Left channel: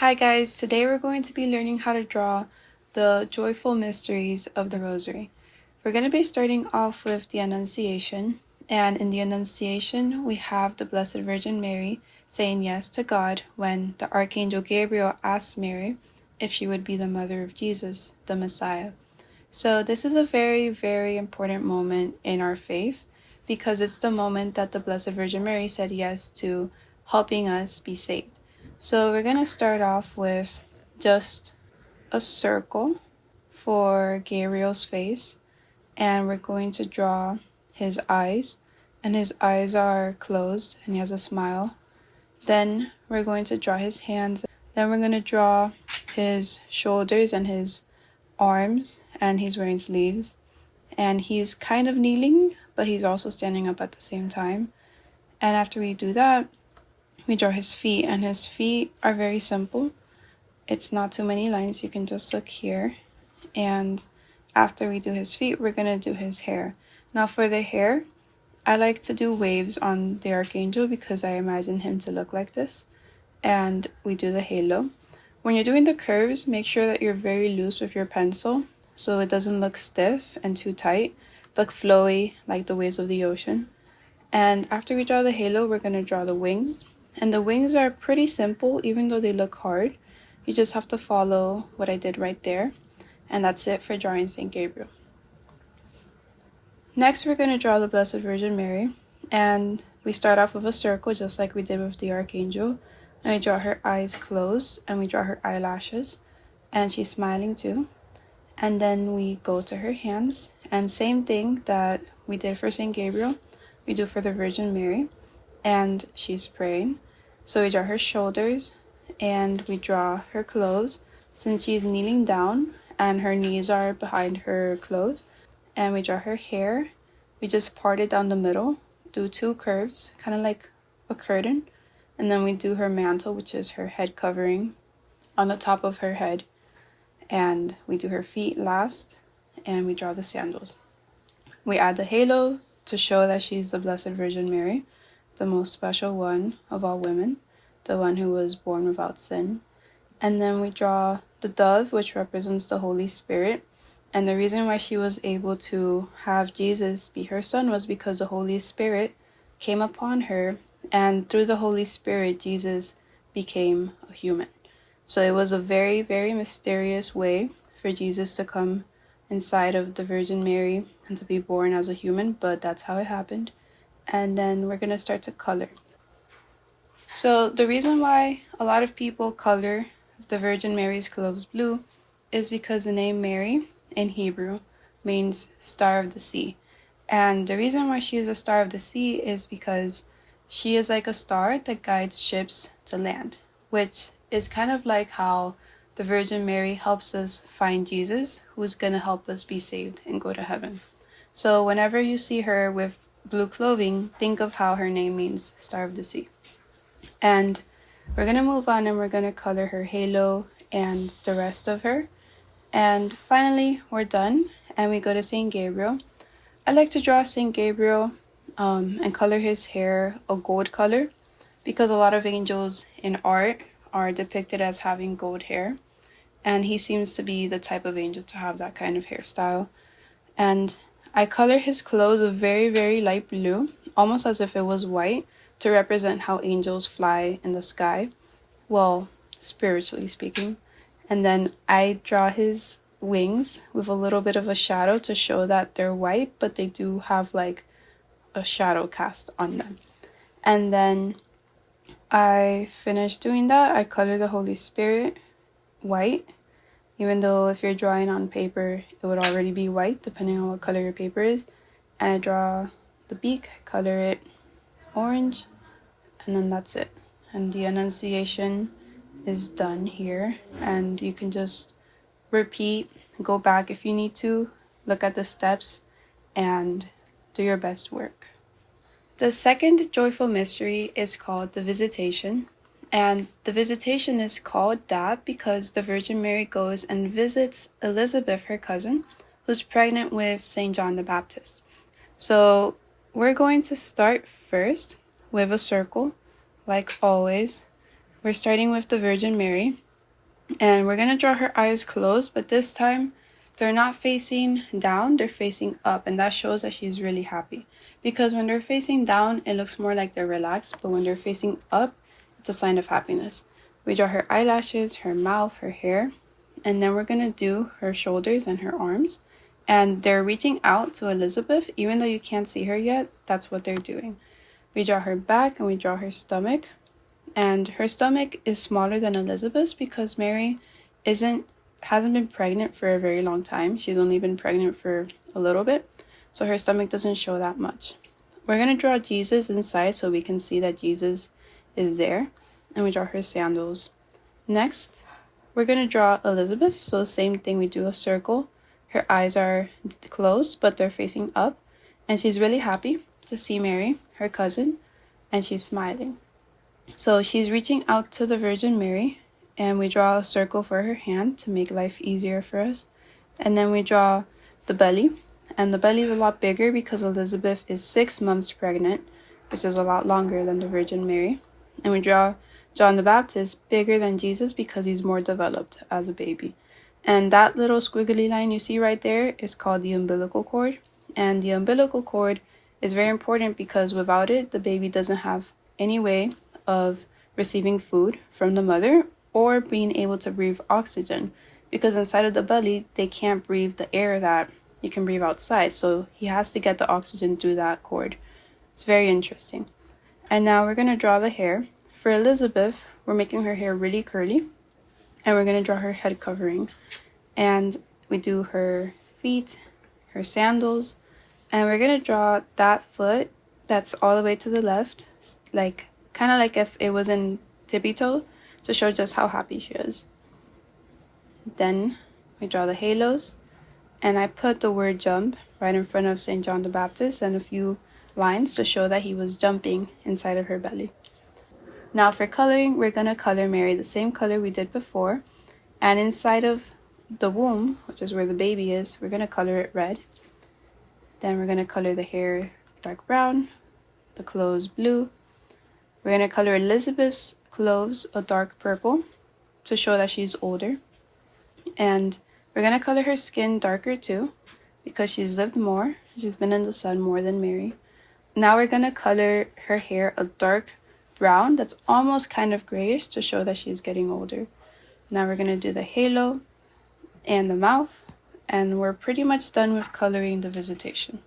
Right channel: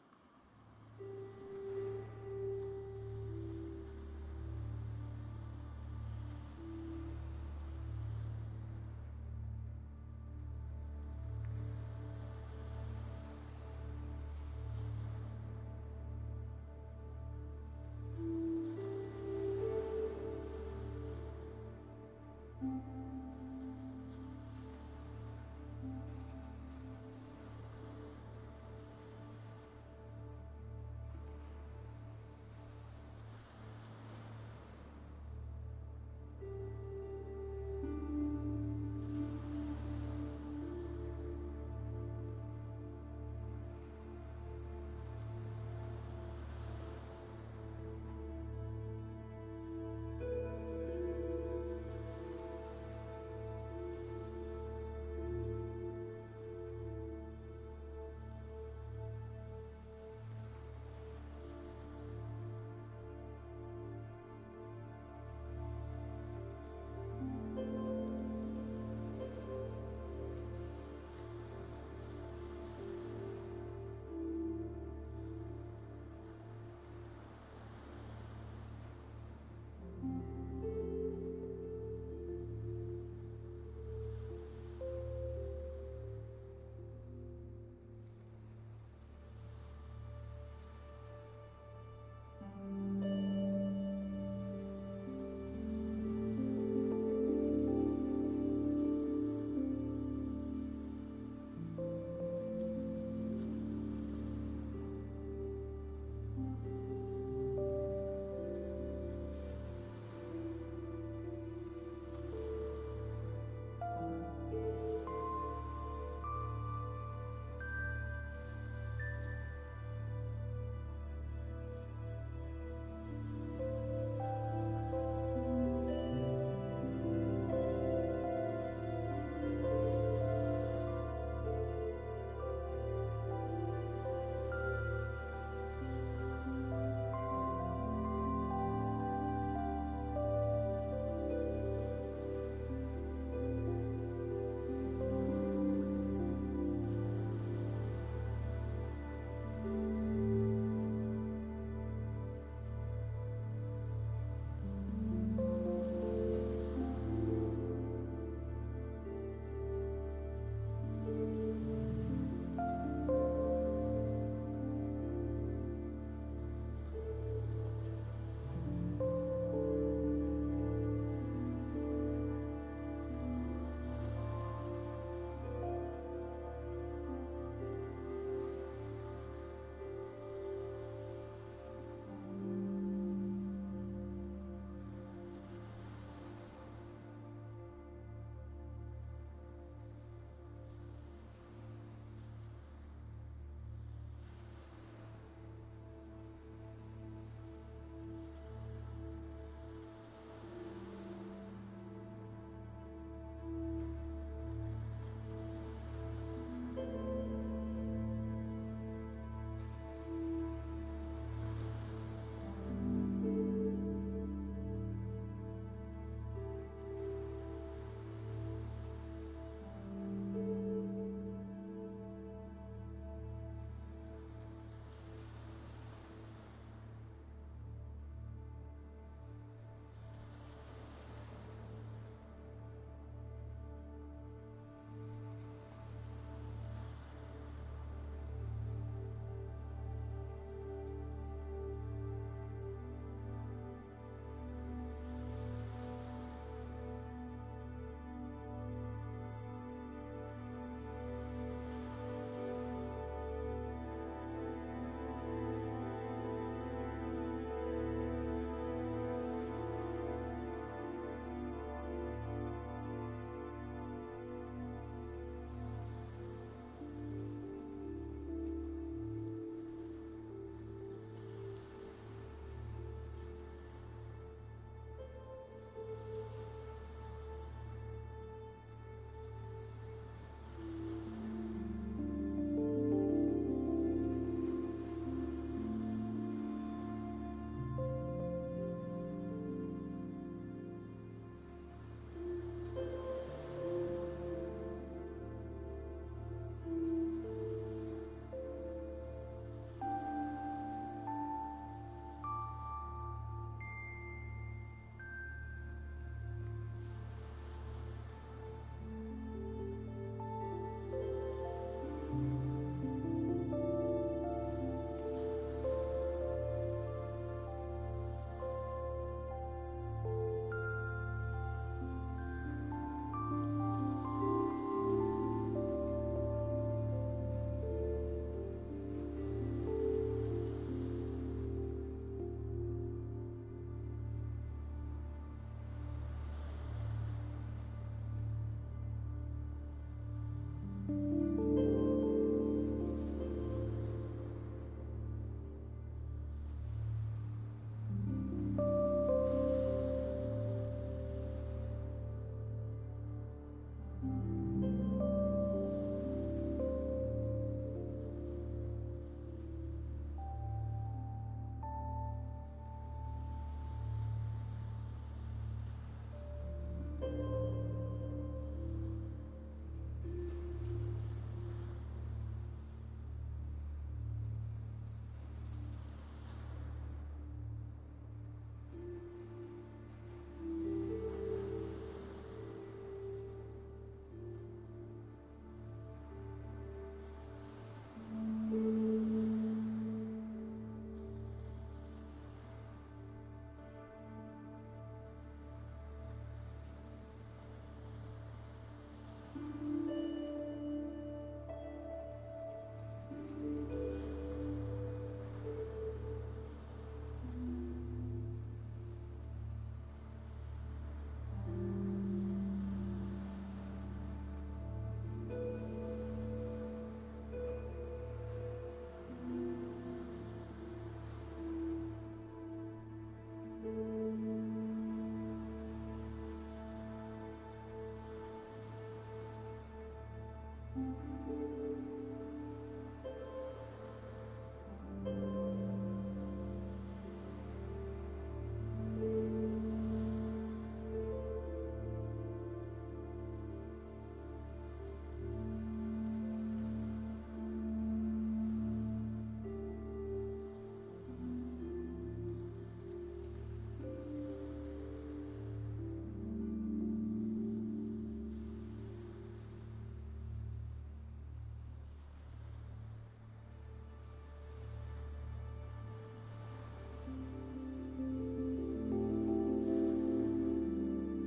Hi guys, today we're going to be learning how to draw the joyful mysteries of the Rosary. We're going to be starting off with the Annunciation, and in the Annunciation we have the Blessed Virgin Mary saying yes to God when the Archangel Gabriel asked Mary if she would be the mother of Jesus, the Messiah. So this is a very, very important moment in our faith because it's the moment that the Blessed Virgin Mary said yes to helping us be saved. So we're going to start off with just a circle for Gabriel's face, and we're going to draw his eyes, and his eyes are closed and he has a smile. Then we're going to draw his hands, then we're going to draw his shoulders and his arms, and he's wearing sleeves, and he's kind of kneeling, but he's also standing up at the same time. And after we do that, we draw his feet, and his feet are very simple. It's not too many lines. You can just look here. And after we do his feet, we're gonna do his hair. Now for the hair, I like to do waves on the Archangel because I imagine him to look like this. And we do the halo. When you're doing the curves, make sure that you're very loose with your pencil so it doesn't look stiff and too tight, but flowy like the waves of the ocean. And after we draw the halo, we're gonna draw the wings. And the wings are pretty simple, even though they look hard. You just have to follow what I did right there. And that's it for drawing St. Gabriel. Next, we're going to draw the Blessed Virgin Mary. And we start off with a circle, just like we did with the Archangel. And we draw her eyes closed, and we draw her eyelashes. And she's smiling too. And then we go to her hands. And same thing that we did for St. Gabriel, we do for the Virgin Mary. And she's praying. So we draw her shoulders and we draw her clothes since she's kneeling down and her knees are behind her clothes. And we draw her hair. We just part it down the middle, do two curves, kind of like a curtain. And then we do her mantle, which is her head covering on the top of her head. And we do her feet last, and we draw the sandals. We add the halo to show that she's the Blessed Virgin Mary, the most special one of all women, the one who was born without sin. And then we draw the dove, which represents the Holy Spirit. And the reason why she was able to have Jesus be her son was because the Holy Spirit came upon her, and through the Holy Spirit, Jesus became a human. So it was a very, very mysterious way for Jesus to come inside of the Virgin Mary and to be born as a human, but that's how it happened. And then we're going to start to color. So the reason why a lot of people color the Virgin Mary's clothes blue is because the name Mary in Hebrew means star of the sea. And the reason why she is a star of the sea is because she is like a star that guides ships to land, which is kind of like how the Virgin Mary helps us find Jesus, who's going to help us be saved and go to heaven. So whenever you see her with blue clothing, think of how her name means star of the sea. And we're going to move on and we're going to color her halo and the rest of her. And finally, we're done and we go to St. Gabriel. I like to draw St. Gabriel and color his hair a gold color because a lot of angels in art are depicted as having gold hair. And he seems to be the type of angel to have that kind of hairstyle. And I color his clothes a very, very light blue, almost as if it was white, to represent how angels fly in the sky. Well, spiritually speaking. And then I draw his wings with a little bit of a shadow to show that they're white, but they do have like a shadow cast on them. And then I finish doing that. I color the Holy Spirit white, even though if you're drawing on paper, it would already be white, depending on what color your paper is. And I draw the beak, color it orange, and then that's it. And the Annunciation is done here. And you can just repeat, go back if you need to, look at the steps, and do your best work. The second joyful mystery is called the Visitation. And the Visitation is called that because the Virgin Mary goes and visits Elizabeth, her cousin, who's pregnant with St. John the Baptist. So we're going to start first with a circle, like always. We're starting with the Virgin Mary, And we're going to draw her eyes closed, but this time they're not facing down, they're facing up, and that shows that she's really happy. Because when they're facing down, it looks more like they're relaxed, but when they're facing up, it's a sign of happiness. We draw her eyelashes, her mouth, her hair, and then we're going to do her shoulders and her arms. And they're reaching out to Elizabeth, even though you can't see her yet, that's what they're doing. We draw her back and we draw her stomach. And her stomach is smaller than Elizabeth's because Mary hasn't been pregnant for a very long time. She's only been pregnant for a little bit, so her stomach doesn't show that much. We're going to draw Jesus inside so we can see that Jesus is there, and we draw her sandals. Next, we're going to draw Elizabeth, so the same thing, we do a circle. Her eyes are closed, but they're facing up, and she's really happy to see Mary, her cousin, and she's smiling. So she's reaching out to the Virgin Mary, and we draw a circle for her hand to make life easier for us. And then we draw the belly, and the belly is a lot bigger because Elizabeth is 6 months pregnant, which is a lot longer than the Virgin Mary. And we draw John the Baptist bigger than Jesus because he's more developed as a baby. And that little squiggly line you see right there is called the umbilical cord. And the umbilical cord is very important because without it, the baby doesn't have any way of receiving food from the mother or being able to breathe oxygen, because inside of the belly they can't breathe the air that you can breathe outside, so he has to get the oxygen through that cord. It's very interesting. And now we're going to draw the hair. For Elizabeth, we're making her hair really curly, and we're going to draw her head covering, and we do her feet, her sandals, and we're going to draw that foot that's all the way to the left, like kind of like if it was in tippy toe, to show just how happy she is. Then we draw the halos, and I put the word jump right in front of St. John the Baptist and a few lines to show that he was jumping inside of her belly. Now for coloring, we're going to color Mary the same color we did before, and inside of the womb, which is where the baby is, we're going to color it red. Then we're going to color the hair dark brown, the clothes blue. We're going to color Elizabeth's clothes a dark purple to show that she's older. And we're going to color her skin darker too because she's lived more. She's been in the sun more than Mary. Now we're going to color her hair a dark brown that's almost kind of grayish to show that she's getting older. Now we're going to do the halo and the mouth, and we're pretty much done with coloring the visitation.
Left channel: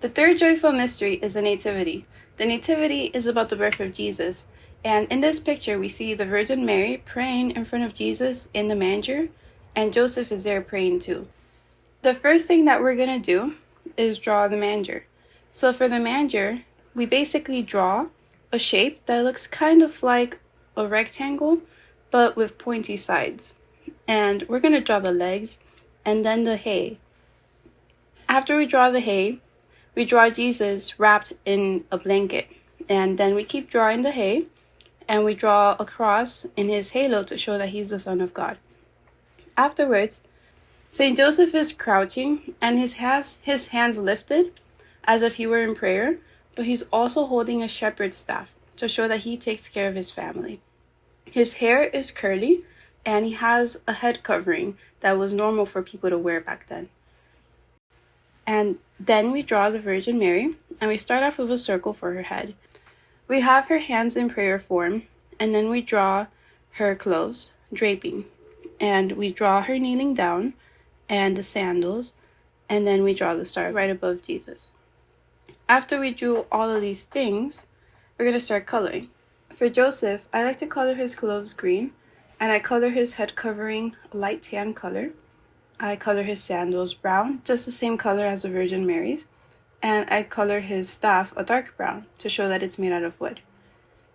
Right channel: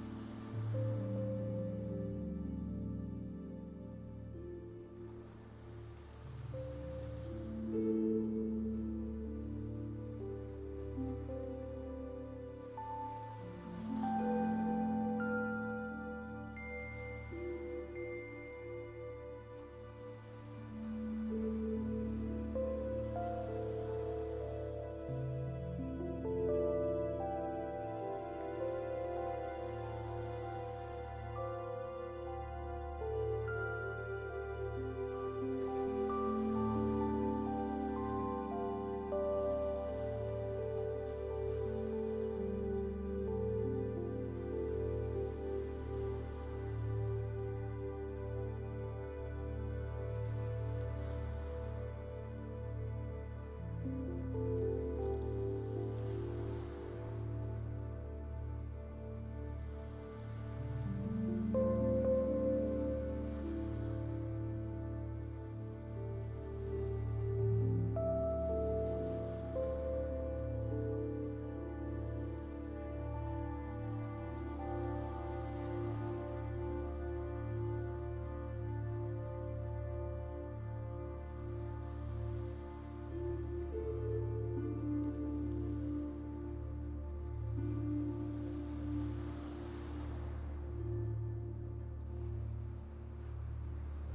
The third joyful mystery is the Nativity. The Nativity is about the birth of Jesus, and in this picture we see the Virgin Mary praying in front of Jesus in the manger, and Joseph is there praying too. The first thing that we're going to do is draw the manger. So for the manger, we basically draw a shape that looks kind of like a rectangle, but with pointy sides. And we're going to draw the legs and then the hay. After we draw the hay, we draw Jesus wrapped in a blanket, and then we keep drawing the hay, and we draw a cross in his halo to show that he's the Son of God. Afterwards, Saint Joseph is crouching, and he has his hands lifted as if he were in prayer, but he's also holding a shepherd's staff to show that he takes care of his family. His hair is curly, and he has a head covering that was normal for people to wear back then. And then we draw the Virgin Mary, and we start off with a circle for her head. We have her hands in prayer form, and then we draw her clothes, draping, and we draw her kneeling down, and the sandals, and then we draw the star right above Jesus. After we drew all of these things, we're going to start coloring. For Joseph, I like to color his clothes green, and I color his head covering light tan color. I color his sandals brown, just the same color as the Virgin Mary's, and I color his staff a dark brown to show that it's made out of wood.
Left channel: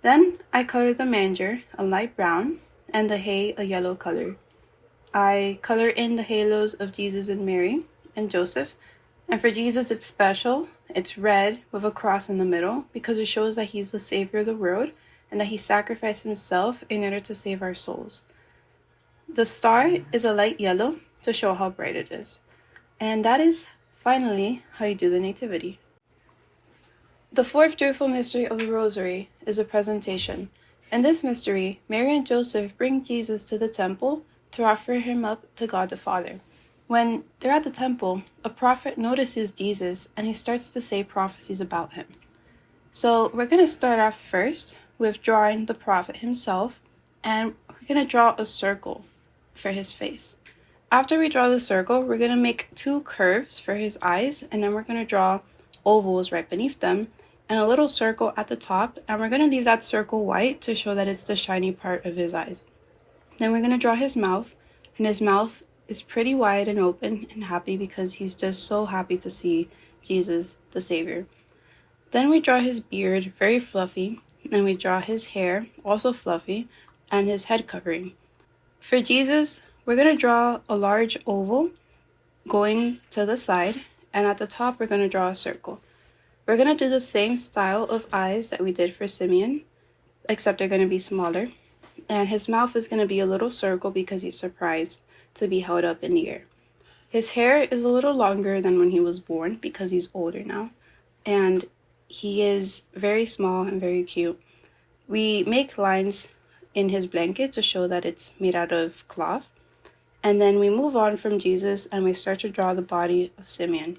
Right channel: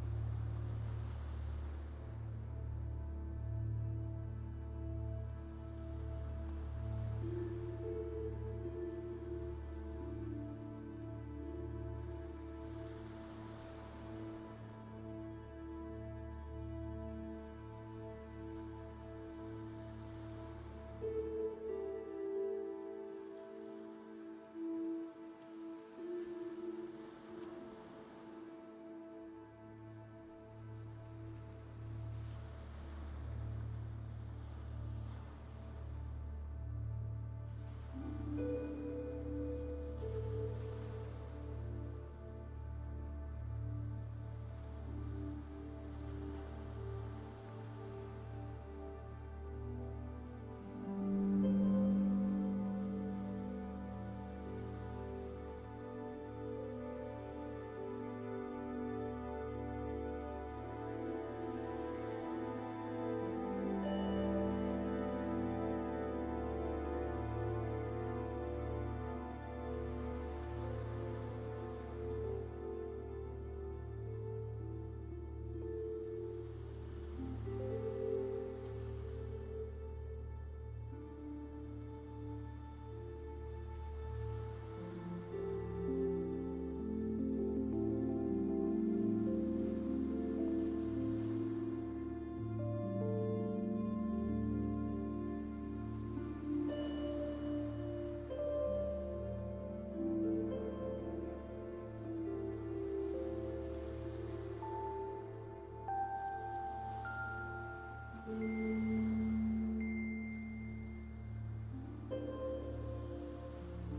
Then I color the manger a light brown and the hay a yellow color. I color in the halos of Jesus and Mary and Joseph, and for Jesus it's special. It's red with a cross in the middle because it shows that he's the savior of the world and that he sacrificed himself in order to save our souls. The star is a light yellow to show how bright it is. And that is finally how you do the Nativity. The fourth joyful mystery of the Rosary is a presentation. In this mystery, Mary and Joseph bring Jesus to the temple to offer him up to God the Father. When they're at the temple, a prophet notices Jesus and he starts to say prophecies about him. So we're going to start off first with drawing the prophet himself, and we're going to draw a circle for his face. After we draw the circle, we're going to make two curves for his eyes, and then we're going to draw ovals right beneath them and a little circle at the top, and we're going to leave that circle white to show that it's the shiny part of his eyes. Then we're going to draw his mouth, and his mouth is pretty wide and open and happy because he's just so happy to see Jesus, the Savior. Then we draw his beard, very fluffy, and we draw his hair, also fluffy, and his head covering. For Jesus, we're going to draw a large oval going to the side, and at the top we're going to draw a circle. We're going to do the same style of eyes that we did for Simeon, except they're going to be smaller, and his mouth is going to be a little circle because he's surprised to be held up in the air. His hair is a little longer than when he was born because he's older now, and he is very small and very cute. We make lines in his blanket to show that it's made out of cloth, and then we move on from Jesus and we start to draw the body of Simeon.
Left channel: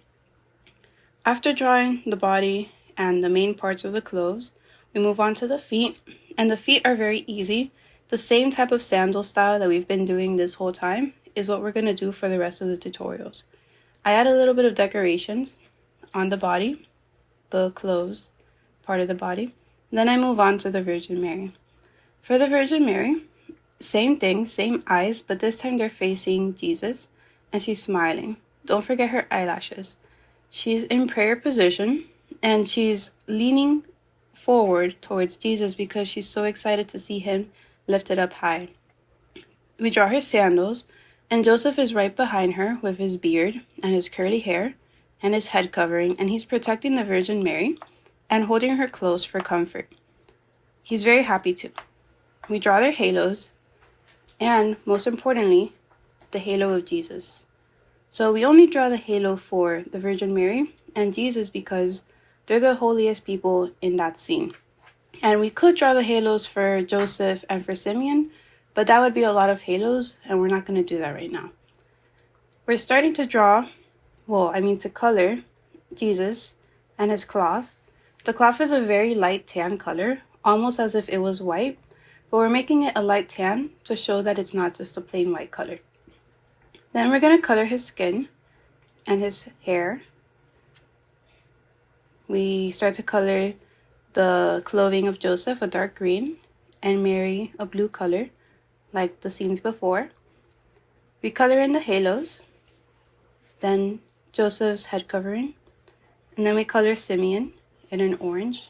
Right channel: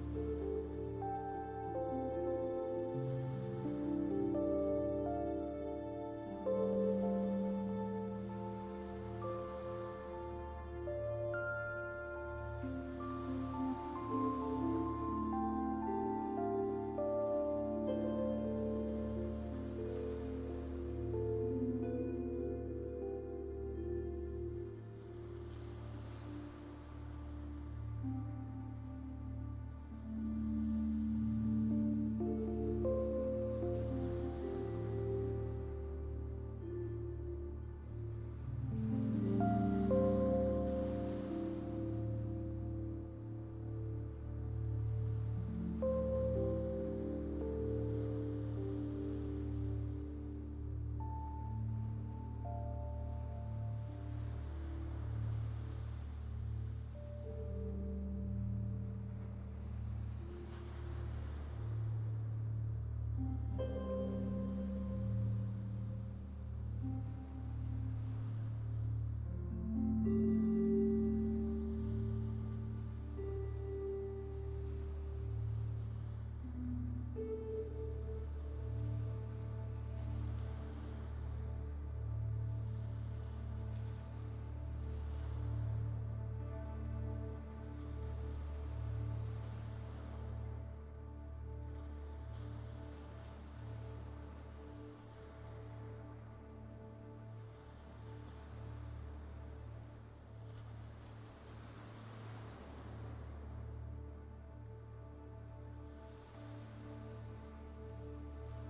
After drawing the body and the main parts of the clothes, we move on to the feet, and the feet are very easy. The same type of sandal style that we've been doing this whole time is what we're going to do for the rest of the tutorials. I add a little bit of decorations on the body, the clothes part of the body. Then I move on to the Virgin Mary. For the Virgin Mary, same thing, same eyes, but this time they're facing Jesus and she's smiling. Don't forget her eyelashes. She's in prayer position and she's leaning forward towards Jesus because she's so excited to see him lifted up high. We draw her sandals, and Joseph is right behind her with his beard and his curly hair and his head covering, and he's protecting the Virgin Mary and holding her close for comfort. He's very happy too. We draw their halos, and most importantly, the halo of Jesus. So we only draw the halo for the Virgin Mary and Jesus because they're the holiest people in that scene. And we could draw the halos for Joseph and for Simeon, but that would be a lot of halos, and we're not going to do that right now. We're starting to to color Jesus and his cloth. The cloth is a very light tan color, almost as if it was white, but we're making it a light tan to show that it's not just a plain white color. Then we're going to color his skin and his hair. We start to color the clothing of Joseph a dark green and Mary a blue color, like the scenes before. We color in the halos, then Joseph's head covering, and then we color Simeon in an orange,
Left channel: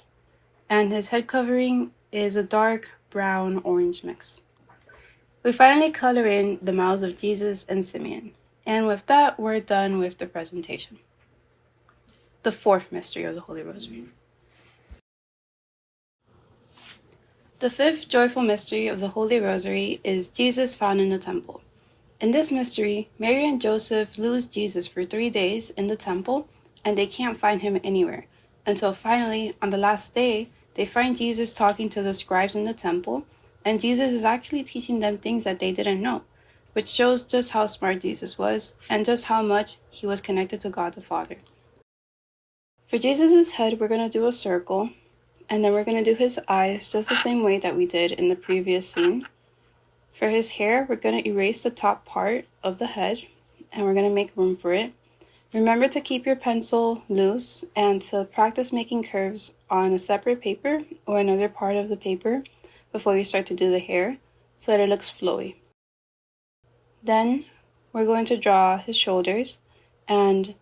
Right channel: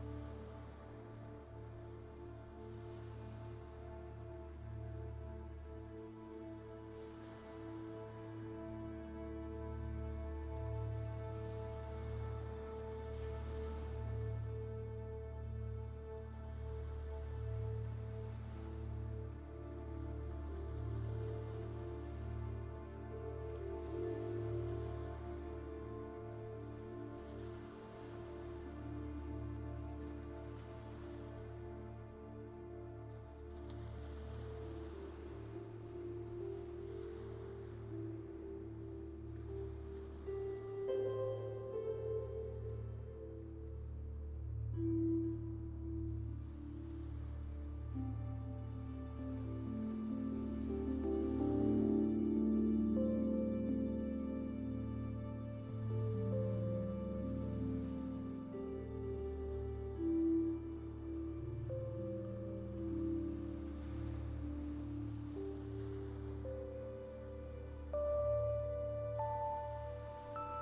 and his head covering is a dark brown-orange mix. We finally color in the mouths of Jesus and Simeon, and with that, we're done with the presentation. The fourth mystery of the Holy Rosary. The fifth joyful mystery of the Holy Rosary is Jesus found in the temple. In this mystery, Mary and Joseph lose Jesus for 3 days in the temple, and they can't find him anywhere, until finally, on the last day, they find Jesus talking to the scribes in the temple, and Jesus is actually teaching them things that they didn't know, which shows just how smart Jesus was and just how much he was connected to God the Father. For Jesus' head, we're going to do a circle, and then we're going to do his eyes just the same way that we did in the previous scene. For his hair, we're going to erase the top part of the head, and we're going to make room for it. Remember to keep your pencil loose and to practice making curves on a separate paper or another part of the paper before you start to do the hair so that it looks flowy. Then we're going to draw his shoulders, and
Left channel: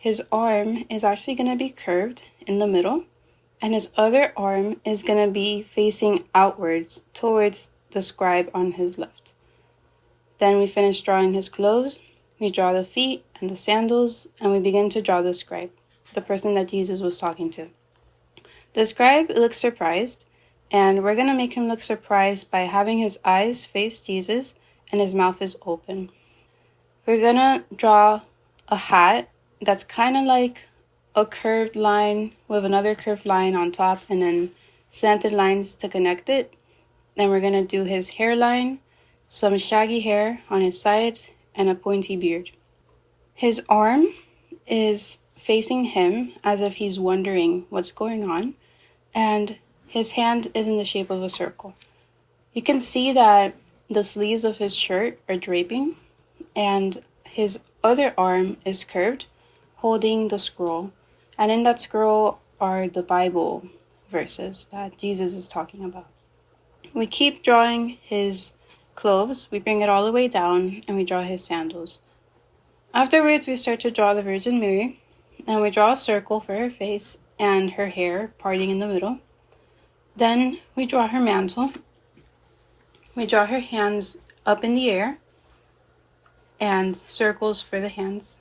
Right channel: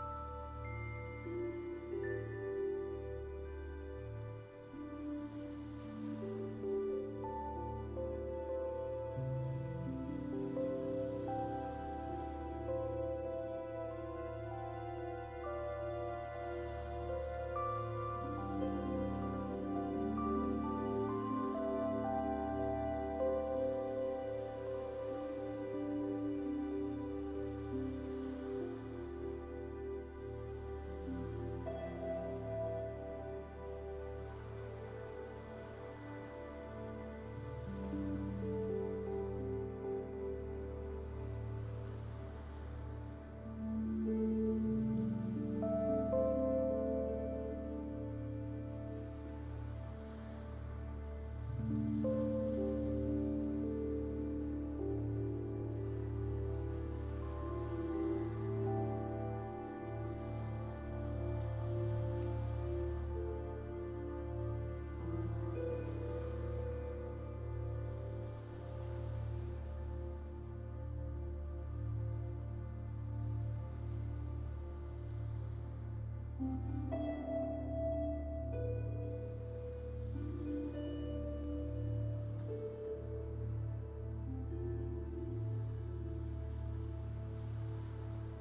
his arm is actually going to be curved in the middle, and his other arm is going to be facing outwards towards the scribe on his left. Then we finish drawing his clothes, we draw the feet and the sandals, and we begin to draw the scribe, the person that Jesus was talking to. The scribe looks surprised, and we're going to make him look surprised by having his eyes face Jesus and his mouth is open. We're going to draw a hat that's kind of like a curved line with another curved line on top and then slanted lines to connect it. Then we're going to do his hairline, some shaggy hair on his sides, and a pointy beard. His arm is facing him as if he's wondering what's going on, and his hand is in the shape of a circle. You can see that the sleeves of his shirt are draping, and his other arm is curved, holding the scroll. And in that scroll are the Bible verses that Jesus is talking about. We keep drawing his clothes, we bring it all the way down, and we draw his sandals. Afterwards, we start to draw the Virgin Mary, and we draw a circle for her face and her hair parting in the middle. Then we draw her mantle. We draw her hands up in the air and circles for the hands.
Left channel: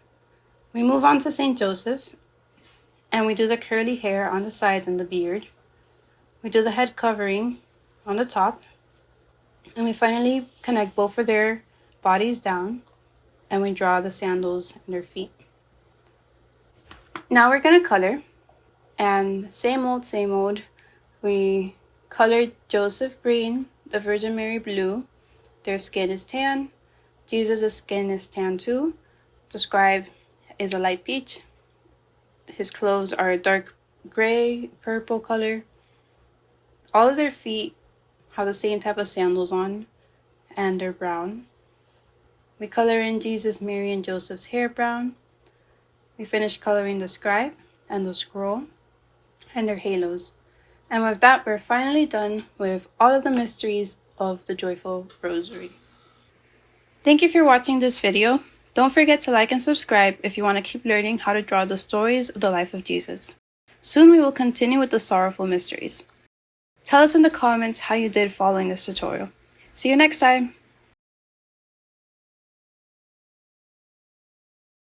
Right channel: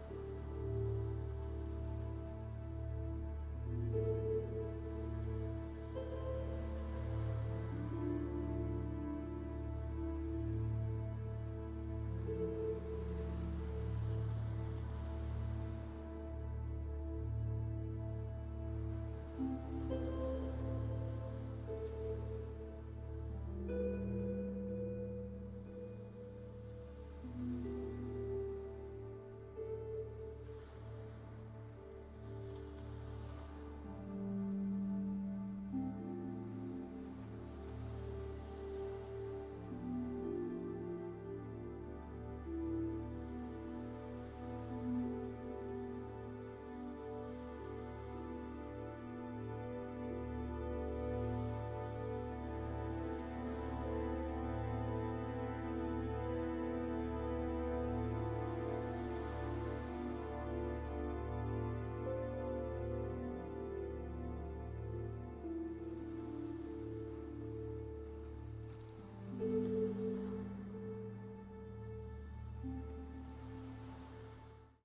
We move on to St. Joseph, and we do the curly hair on the sides and the beard. We do the head covering on the top, and we finally connect both of their bodies down, and we draw the sandals and their feet. Now we're gonna color, and same old. We colored Joseph green, the Virgin Mary blue, their skin is tan, Jesus' skin is tan too, the scribe is a light peach, his clothes are a dark gray, purple color. All of their feet have the same type of sandals on, and they're brown. We color in Jesus, Mary, and Joseph's hair brown. We finish coloring the scribe and the scroll and their halos. And with that, we're finally done with all of the mysteries of the Joyful Rosary. Thank you for watching this video. Don't forget to like and subscribe if you want to keep learning how to draw the stories of the life of Jesus. Soon we will continue with the sorrowful mysteries. Tell us in the comments how you did following this tutorial. See you next time!